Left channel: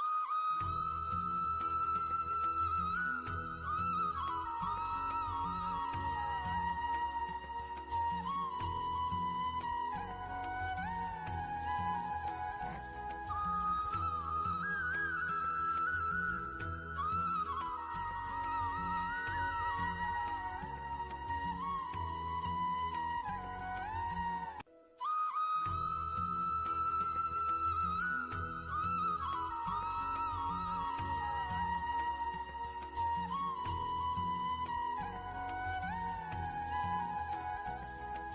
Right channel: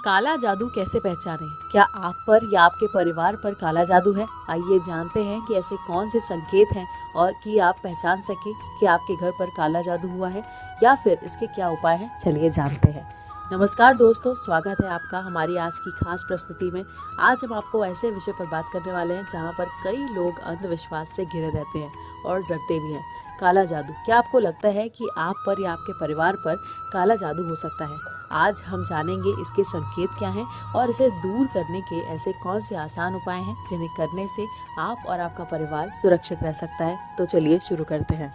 काला जादू कैसे पहचानें? क्या आप पर या आपके परिवार पर काला जादू है? आइए जानते हैं कि ऐसे कौन से संकेत हैं और कि आप पहचान सकें कि आपके घर पर काला जादू हुआ है या फिर इसके क्या उपाय हैं। चलिए जानते हैं। नमस्कार दोस्तों, स्वागत है आपका हमारी आज की खास प्रस्तुति में। आज हम आपको ऐसे विषय पर बात करने वाले हैं जहाँ पर कई लोग अंधविश्वास से घिरे रहते हैं और डरते भी हैं। काला जादू, क्या आपको लगता है कि आप पर या आपके परिवार पर काला जादू हो सकता है? आज हम जानेंगे इसके संकेत क्या हैं और इसे दूर करने के ऐसे कौन से आसान उपाय हैं जिन्हें करने से आप और आपका परिवार सुरक्षित रह सकता है। तो चलिए शुरू करते हैं।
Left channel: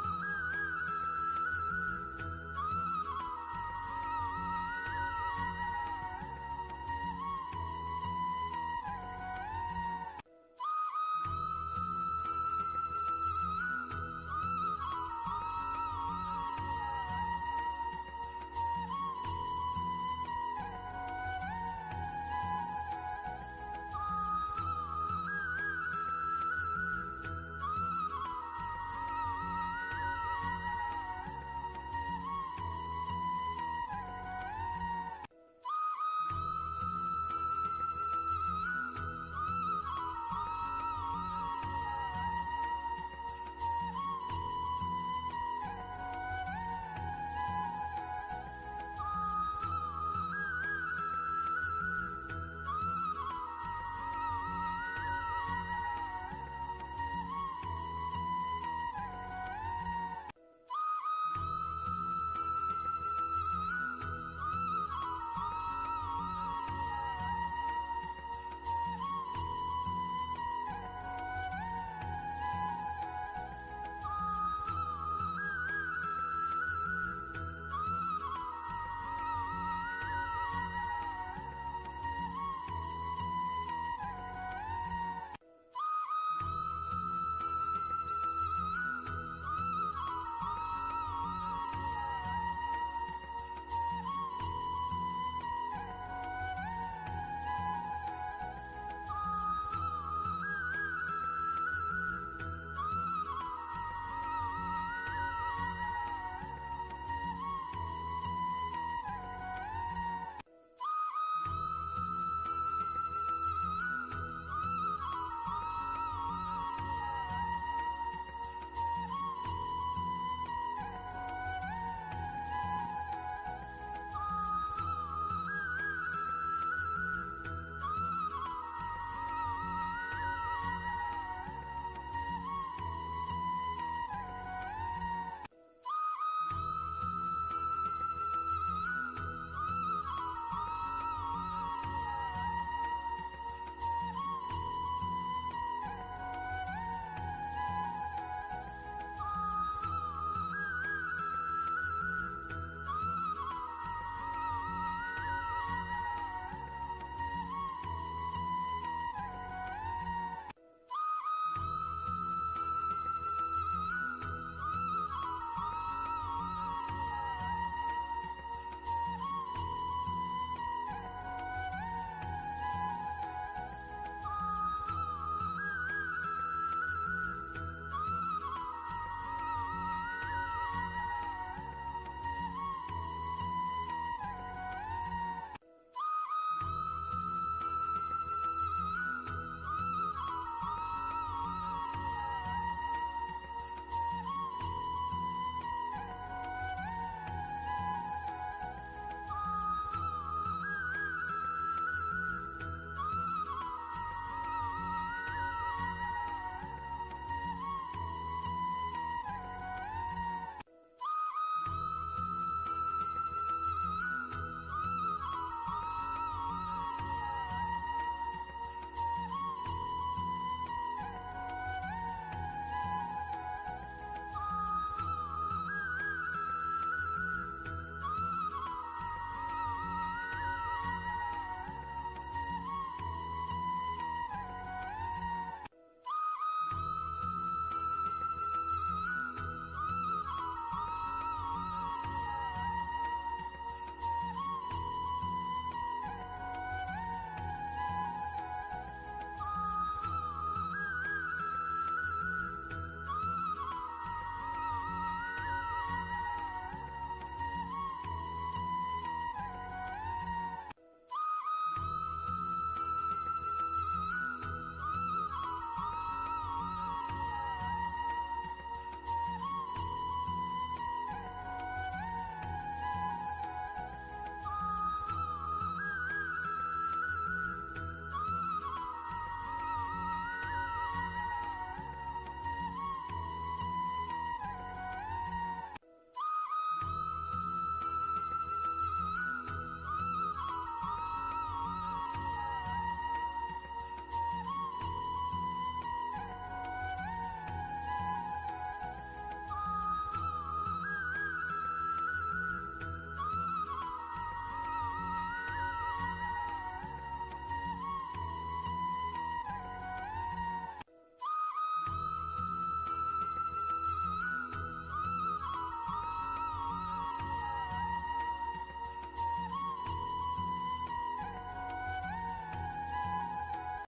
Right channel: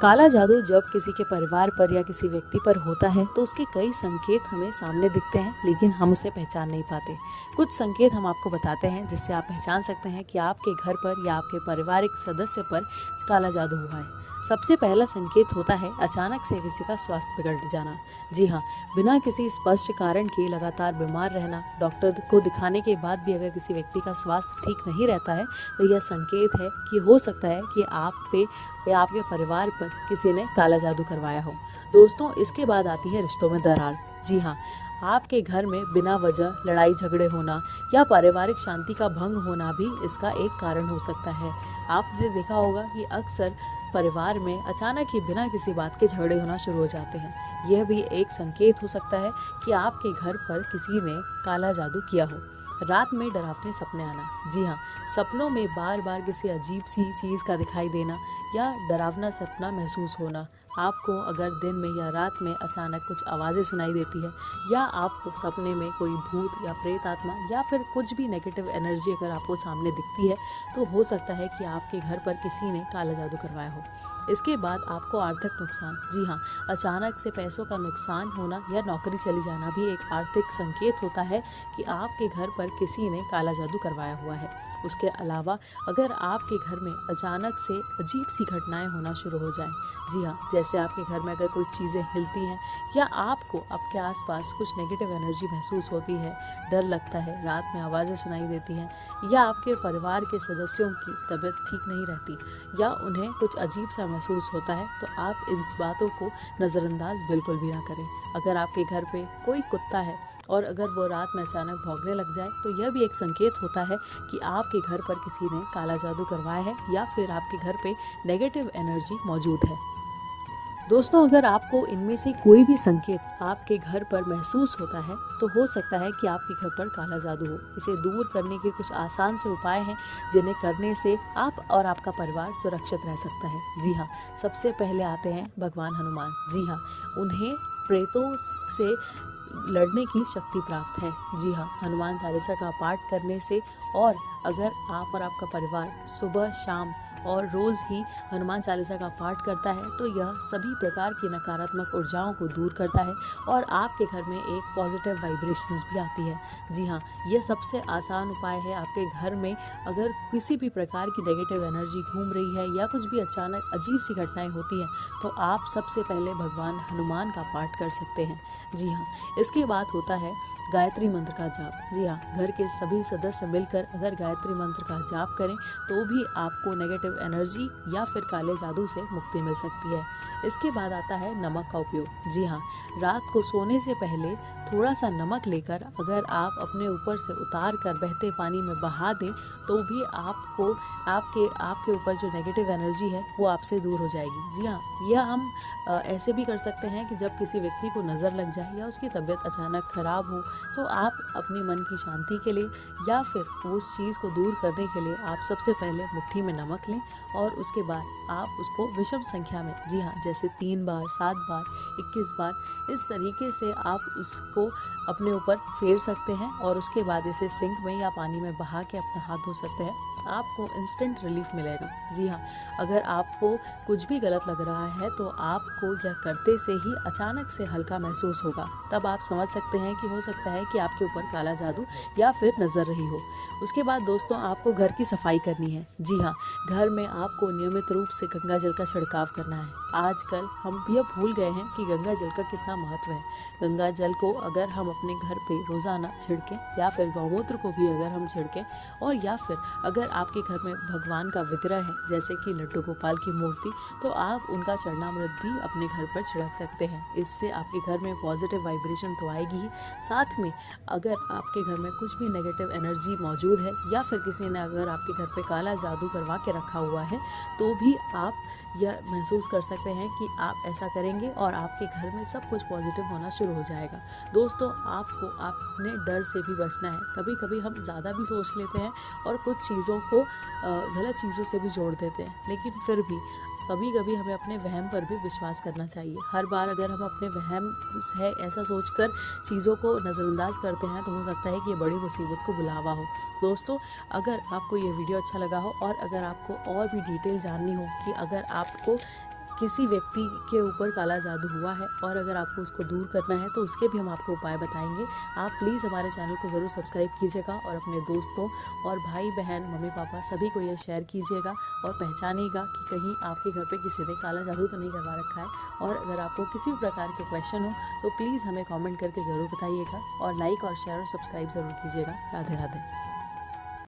काला जादू जब किसी के परिवार पर या किसी व्यक्ति पर होता है तो उसके कई संकेत हमें सामने दिखते हैं, लेकिन हम उसे पहचान नहीं पाते। कुछ संकेत हम आपको बताते हैं जिससे आप पहचान सकते हैं कि आपके घर पर या आपके पारिवारिक सदस्य पर काला जादू हुआ है। सबसे पहला संकेत होता है अचानक से किसी का स्वास्थ्य बिगड़ जाना। जी हाँ, बिना किसी स्पष्ट कारण के लगातार बीमार रहना। डॉक्टर को दिखाने के बाद भी अगर किसी व्यक्ति का स्वास्थ्य ठीक नहीं रहता है तो यह संकेत है कि हो सकता है कि आप पे या आपके परिवार पर किसी ने काला जादू करवाया हो। दोस्तों, इसके बाद आती है रिश्तों में दरार। जी हाँ, आपके घर में बिना वजह लड़ाई झगड़े होना या पारिवारिक शांति का भंग होना भी इसका एक कारण हो सकता है। आपने देखा होगा कि अक्सर परिवार में अचानक ही बिना किसी बात के झगड़े होना शुरू हो जाते हैं। यह भी एक संकेत हो सकता है कि आपके घर पर किसी ने काला जादू किया हो। रात में डरावने सपने आना। जी हाँ, सपनों में बार बार किसी अजीब सी चीज़ का दिखाई देना या डरावना सपना महसूस होना। आपको अगर दिन में या रात में अचानक कुछ आवाज़ें सुनाई देती है या आपको सपने में कोई भूत या प्रेत आत्मा या फिर कुछ भी नेगेटिव एनर्जी अगर आपको सामने दिखती है तो हो सकता है कि आपके घर पर किसी ने काला जादू करवाया हो। इसके बाद आपको आर्थिक नुकसान। जी हाँ, अचानक से पैसों का नुकसान होना या नौकरी चली जाना भी एक आर्थिक संकेत होता है कि आपके घर पर किसी ने काला जादू करवाया हुआ है। उसके अलावा अगर आपके घर में अचानक से अजीब सी घटनाएं होना शुरू हो जाए। जी हाँ, जैसे आपके घर में अगर कोई चीज़ें हिलती हैं या आपको आपके आसपास कुछ नेगेटिव एनर्जी महसूस होती है, डर लगता है, रात में आवाज़ें सुनाई देती हैं या आपके परिवार के सदस्यों की तबीयत ठीक नहीं रहती या उन्हें कुछ अजीब सा महसूस होता है, तो आप इन बातों को नज़रअंदाज बिल्कुल भी ना करें। अगर आपके घर पे कोई कुत्ता है और अगर वो रात में अचानक भौंकने लग जाए तो यह भी एक संकेत होता है कि आपके घर पर किसी ने काला जादू करवाया है या फिर आपके घर पे नेगेटिव एनर्जी मौजूद है। दोस्तों, अगर आपको इनमें से कोई भी संकेत आपके घर पर महसूस होता है तो हो सकता है कि आपके घर पर काला जादू हो। इसे दूर करने के कुछ आसान से उपाय हैं जिन्हें करने से आप और आपका परिवार सुरक्षित रह सकता है। जी हाँ, सबसे पहले आते हैं भगवान हनुमान। जी हाँ, उन्हें प्रेतों से लड़ने की शक्ति प्राप्त है। जी हाँ, हनुमान चालीसा का पाठ करने से और अगर आप और आपका परिवार सुबह शाम और रोज़ ही हनुमान चालीसा का पाठ करता है तो यह सभी प्रकार की नकारात्मक ऊर्जाओं को दूर करता है और आपके घर में एक पॉजिटिव वाइब्रेशंस भी आती है। जी हाँ, यह सबसे आसान उपाय है। आपके घर में अगर किसी भी प्रकार की नेगेटिव एनर्जी घूम रही है या कुछ भी अचानक अजीब सी घटनाएं होती हैं तो आप सबसे पहले भगवान हनुमान का पाठ कर सकते हैं। जी हाँ, इसके बाद होता है गायत्री मंत्र का जाप। जी हाँ, घर के सभी सदस्य मिलकर अगर गायत्री मंत्र का जाप करें तो भी आपको नेगेटिव एनर्जी या फिर काले जादू से मुक्ति मिल सकती है। इसके बाद आता है नमक का उपयोग। जी हाँ, रात को सोने से पहले थोड़ा सा नमक लेकर अगर आप अपने ऊपर से उतार कर बहते पानी में बहा दें तो भी आपको आपके ऊपर जो नेगेटिव एनर्जी है वो आपसे दूर हो जाएगी। जी हाँ, यह हम ऐसे भी कर सकते हैं कि जब किसी व्यक्ति को नज़र लग जाए या उसकी तबीयत अचानक ख़राब हो तो आप अपने मन की शांति के लिए या फिर उस चीज़ को दूर करने के लिए आप सबसे पहले मुट्ठी में नमक लें और उसके बाद आप उसको विषम संख्या में, जी हाँ, जैसे 3 बार, 7 बार, 21 बार, इस तरीके से आप उसको अपने ऊपर फेर सकते हैं और उसके बाद इसे सिंक में या पानी में बहा के अपने हाथ धो सकते हैं। आपको इंस्टेंट रिलीफ मिलेगा। जी हाँ, अगर आपको कुछ भी गलत लग रहा है तो आपको यह करते से ही अचानक से हल्का महसूस होगा। तब आप समझ सकते हैं कि हो सकता है कि आपके ऊपर काला जादू या फिर नज़र रही हो। उसके बाद दोस्तों, आपको घर की सफाई करनी है। जी हाँ, घर में आपको नियमित रूप से गंगा जल का छिड़काव करना है। आजकल हम यह भूल गए हैं कि गंगा जल का कितना महत्व है। गंगा जल को अगर हम अपने घर पे रोज़ाना छिड़कें, या फिर गौमूत्र को भी अगर हम छिड़कें, और या फिर अगर आपके घर में भगवान का विग्रह है जैसे कि लड्डू गोपाल की मूर्ति, तो आप उनका चरणामृत भी अपने घर पर छिड़क सकते हैं। इससे आपके घर में पॉजिटिव वाइब्रेशन तो आएगी ही, साथ में अगर आपके घर में कुछ भी नेगेटिव एनर्जी मौजूद है या फिर किसी ने अगर आपके घर पे काला जादू करवा के रखा हुआ है, तो भी आप यह महसूस कर सकते हैं कि आप ऐसा करेंगे और आपके घर में सब कुछ पॉजिटिव होना शुरू हो जाएगा। दोस्तों, आपको अपने डर से भी बचना है। कभी कभी हम ज़्यादा भी सोच लेते हैं और कुछ चीज़ों को गलत चीज़ों से भी जोड़ देते हैं, लेकिन फिर भी कभी कभी हमें अपने वहम पर भी विश्वास करना चाहिए। हर बार अगर हम अपने वहम है ऐसा सोचकर चीज़ों को नज़रअंदाज करते हैं, तो हो सकता है कि ये बड़ी मुसीबत को बुलावा हो। दोस्तों, अगर आपको ये वीडियो अच्छा लगा हो और अगर आपको और भी डिटेल जाननी हो कि अगर आपको किसी व्यक्ति के ऊपर काला जादू हुआ है और अगर आपको उसको दूर करना है, तो उसके भी हम आपको उपाय बताएंगे। आप प्लीज़ हमारे चैनल को ज़रूर सब्सक्राइब कीजिएगा और अपने दोस्तों और भाई बहन, मम्मी पापा सभी को ये शेयर कीजिएगा और पहचानिएगा कि कहीं आपके घर पे किसी ने काला जादू तो नहीं करवा रखा है। और अगर आपको किसी भी प्रकार के क्वेश्चन हो तो प्लीज़ हमें कॉमेंट करके ज़रूर बताइएगा और लाइक और शेयर और सब्सक्राइब ज़रूर कीजिएगा। राधे राधे।